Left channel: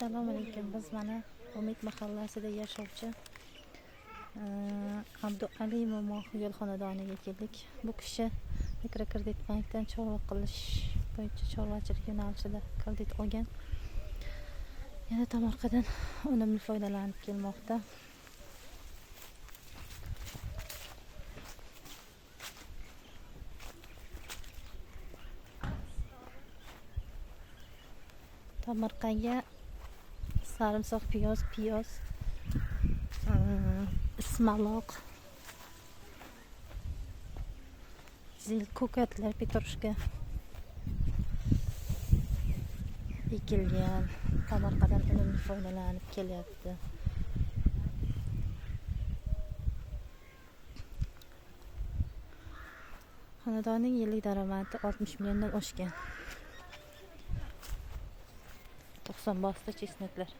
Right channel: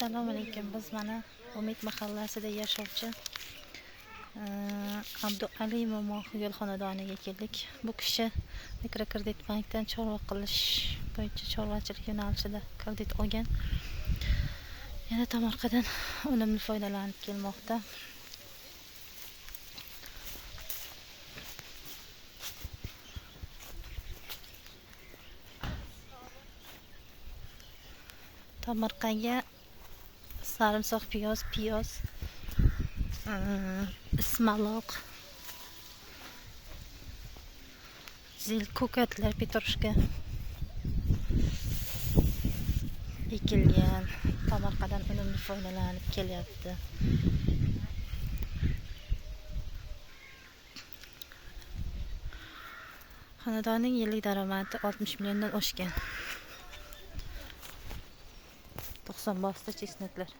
Assalomu alaykum. Biz mana Umid mahallasida yashovchi Abduali Mo'moqul xonadoniga keldik. Bu kishi mikrokredit bankdan chorva qilish bo'yicha chorvachilik yo'nalishida kredit olgan. Yana tomorqadan unumli foydalanib kelmoqda. Tomorqaga sarimsoq, piyoz, ismaloq, zil, ko'katlar, petrushka ekilgan. Tomorqadan unumli foydalanib kelyapti. Xonadonning yillik daromadi 60 milliondan oshgan. 90 bosta chesnaklar.